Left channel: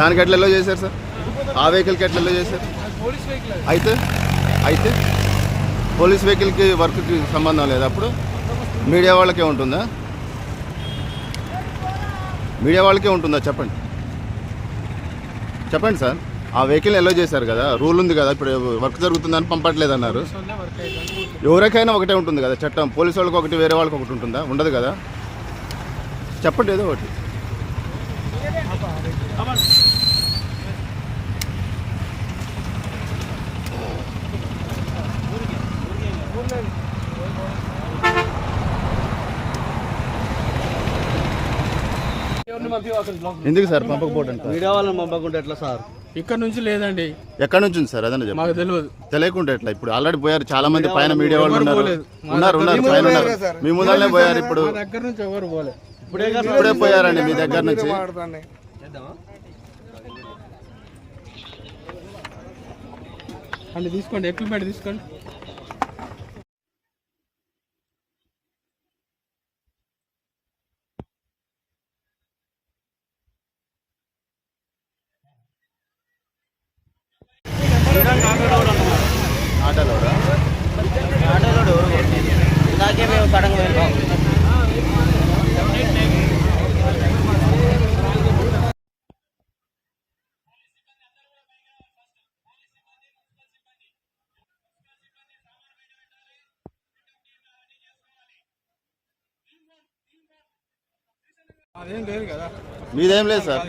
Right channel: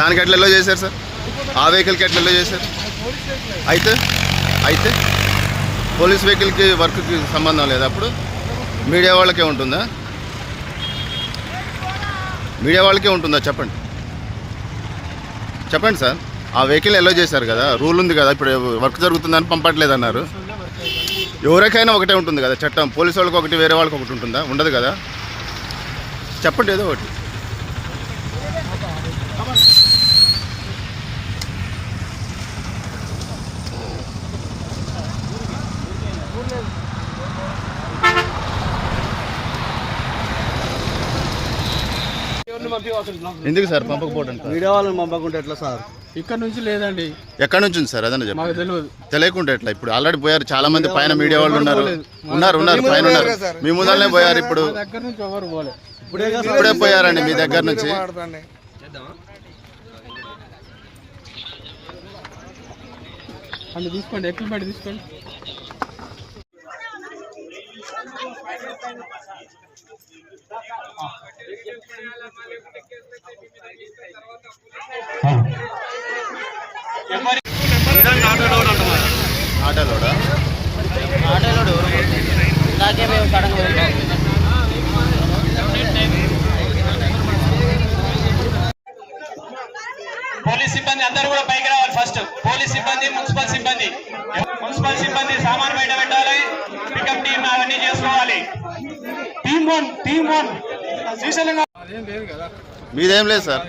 దానికి ఎట్లా ఎల్లో చేశారు సార్? ఆ వెహికల్కి ఎట్లా ఎల్లో చేశారు? అయితే అయితే పోలీస్ వెహికల్కి వర్క్కి సంబంధం లేదు. అప్పుడు మీడియా వాళ్ళకే ఉంటుందా? మీడియా వాళ్ళకే ఉంటుందా? చెప్పండి చెప్పండి సార్. ఆ వెహికల్ ఎల్లో చేశారు కదా, రూల్ ఉంది కదా. ఇప్పుడు వర్క్ జరుగుతుందని పంపట్లేదు అన్నారు. ఎవరికైనా ఒకటే ఉంటుంది కదా చట్టం. పోలీసు వాళ్ళకి ఒకటి, వేరే వాళ్ళకి ఒకటి ఉంటుందా? ఉండదు కదా. చెప్పండి ఏదో ఒకటి. ఎందుకు సార్ పంపకపోవడం? మీడియా వాళ్ళని పంపకుంటే ఎట్లా సార్? ఇక్కడ నుంచి లేదండి. ఎక్కడి నుంచి ఉంది సార్? అదన్నా మాకు తెలియదు. తెలియకుండా ఎట్లా? ఇప్పుడు ఆల్రెడీ పోయారు చాలా మంది పైన, మీడియా వాళ్ళు ఉన్నారు పైన ఉన్నారు. మీ ముందరనే పోయారు. ఇప్పుడు దగ్గర నుంచి ఎవరు పోలే. ఇప్పుడే పోయారండి మీ దగ్గర నుంచి. అంటే తీసుకోండి, ఎక్విప్మెంట్ తీసుకోండి. పోలీస్ సిబ్బంది అందరూ కూడా పైకి రావాలి. ఫస్ట్ పోలీస్ సిబ్బంది, మున్సిపల్ సిబ్బంది సామాన్ బయట పెట్టాలి. పికప్ టీమ్ అవన్నీ చేసుకోవాలి. Team one Srisailam. మీదేం లేదు సార్,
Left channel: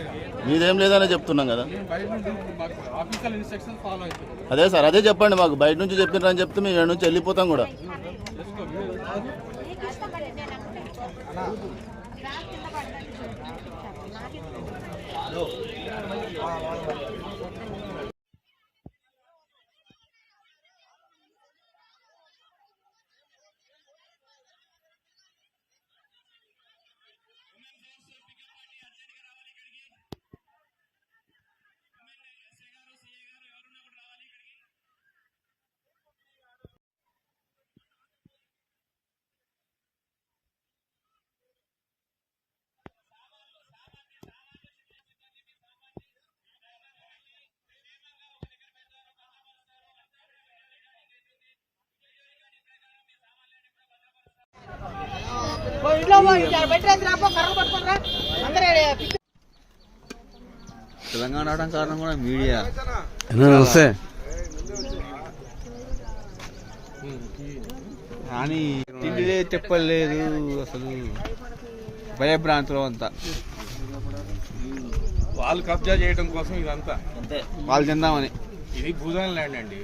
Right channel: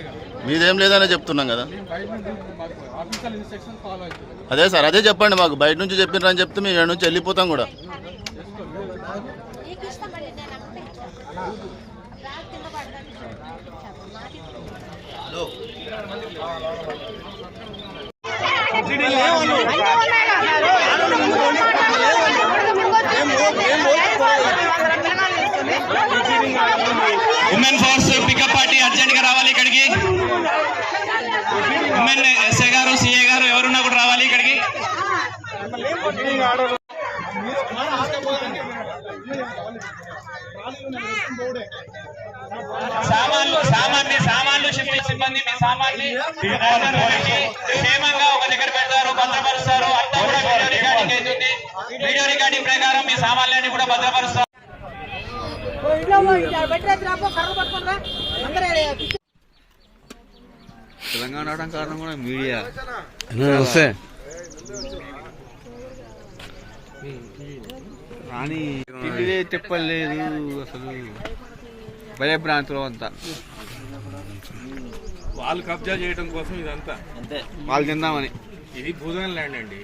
మీదేం లేదనే చెప్తున్నాం కదా. అదే సార్, అదే చెప్పండి మాకు. బయట నుంచి చెప్పినారని చెప్తే మేము ఇక్కడ నుంచి వెళ్ళిపోతాం కూడా. Women force pickup party urgent గా రావాలి ఇక్కడికి. ఉమెన్ ఎస్ఐ గారు, సిఏ గారు ఎవరున్నా కూడా రావాలి ఇక్కడికి. సామాన్లు షిఫ్ట్ సిబ్బంది మీ సామాన్ని క్షేమంగా ఒక దగ్గర పెడతారు, భద్రపరుస్తారు. అంతా కూడా వీడియో రికార్డింగ్ అవుతుంది. వీడియో రికార్డింగ్ ప్రకారం మీ సామాన్లన్నీ కూడా భద్రపరుస్తారు. తెలంగాణ రావడం కారణం కూడా మీడియా. కానీ తిండిలే చెప్పలేదు అసలు. భయ భ్రాంతులు అంతా వాళ్ళు కబ్జా చేయడం కోసం ఇదంతా. అంతే, వాళ్ళు తిందామని. ఇది భూదాన్ ల్యాండ్ అండి.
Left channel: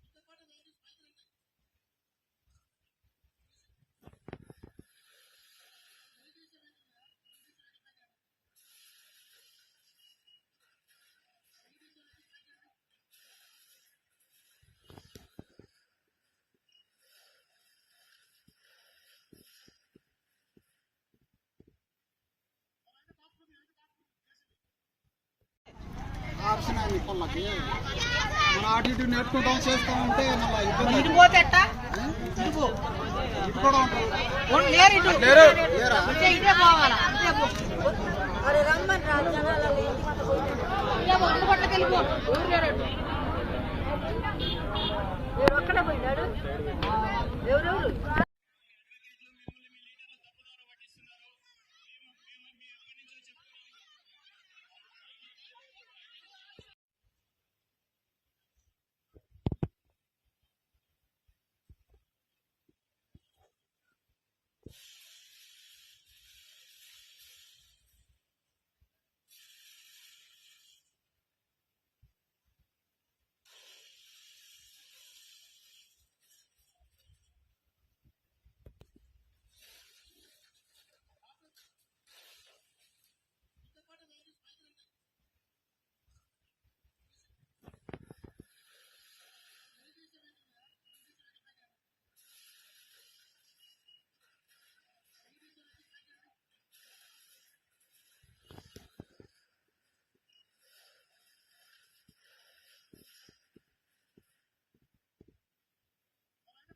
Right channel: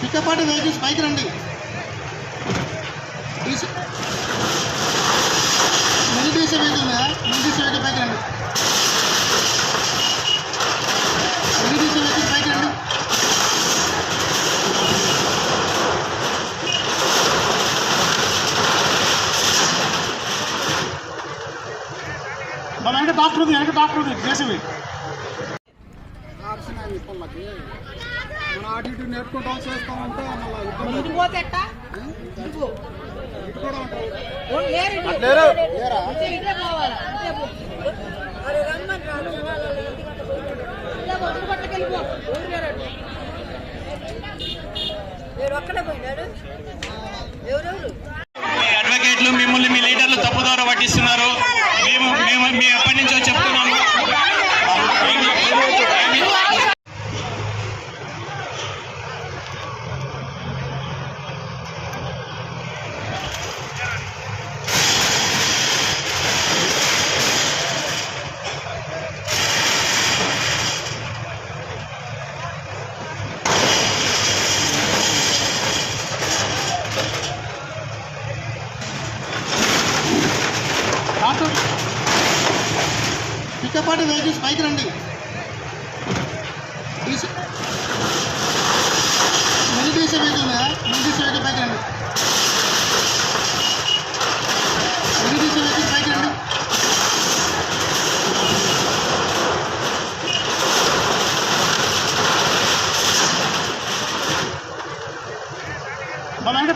పికపాటి వెహికల్స్ పైకి రండి. మెలిటీసీ వెహికల్ మీద మెలిటీసీ వెహికల్ పైకి రండి. మెలిటీసీ వెహికల్ పైకి రండి. మన వెనక డాక్టర్ ఉంది చేసేవి. పొల్లకి మన అటు ఇటు నేర్చుకుంటాం చేస్తా ఉంటే మళ్ళీ పోతే ఎట్టా కూడా అడ్వకేట్లు మిమ్మల్ని మీ లీడర్లు తప్పుదారి పట్టిస్తున్నారు. మేము ఎప్పటి నుంచో చెప్తున్నాము. పికపాటి వెహికల్స్ పైకి రండి.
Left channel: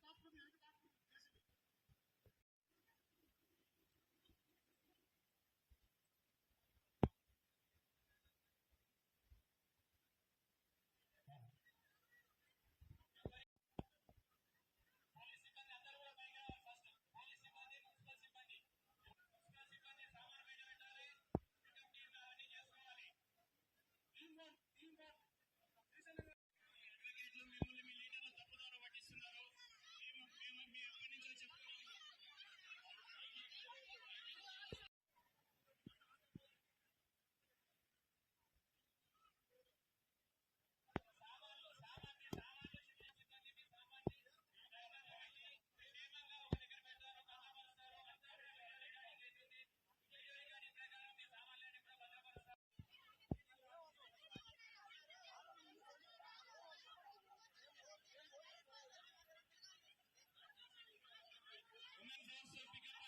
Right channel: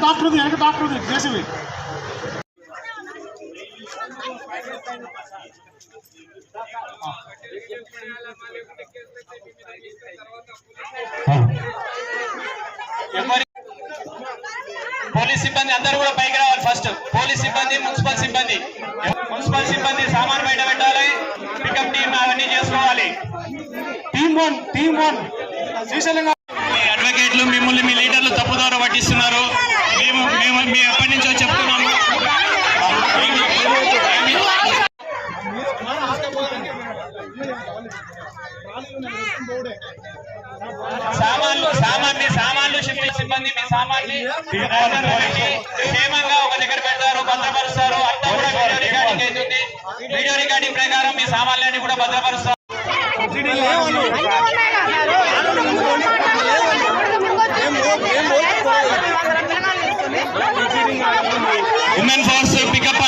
డాక్టర్ జేసీబీ పోలీస్ సిబ్బంది అందరూ కూడా పైకి రావాలి ఫస్ట్. పోలీస్ సిబ్బంది, మున్సిపల్ సిబ్బంది సామాన్ బయట పెట్టాలి. పికప్ టీమ్ అవన్నీ చేసుకోవాలి. టీమ్ వన్ శ్రీశైలం అడ్వకేట్లు మిమ్మల్ని మీ లీడర్లు తప్పుదారు పట్టిస్తున్నారు. మేము ఎప్పటి నుంచో చెప్తున్నాము. సామాన్లు షిఫ్టింగ్ సిబ్బంది మీ సామాన్ని క్షేమంగా ఒక దగ్గర పెడతారు, భద్రపరుస్తారు. అంతా కూడా వీడియో రికార్డింగ్ అవుతుంది. వీడియో రికార్డింగ్ ప్రకారం మీ సామాన్లన్నీ కూడా భద్రపరుస్తారు. Women force pickup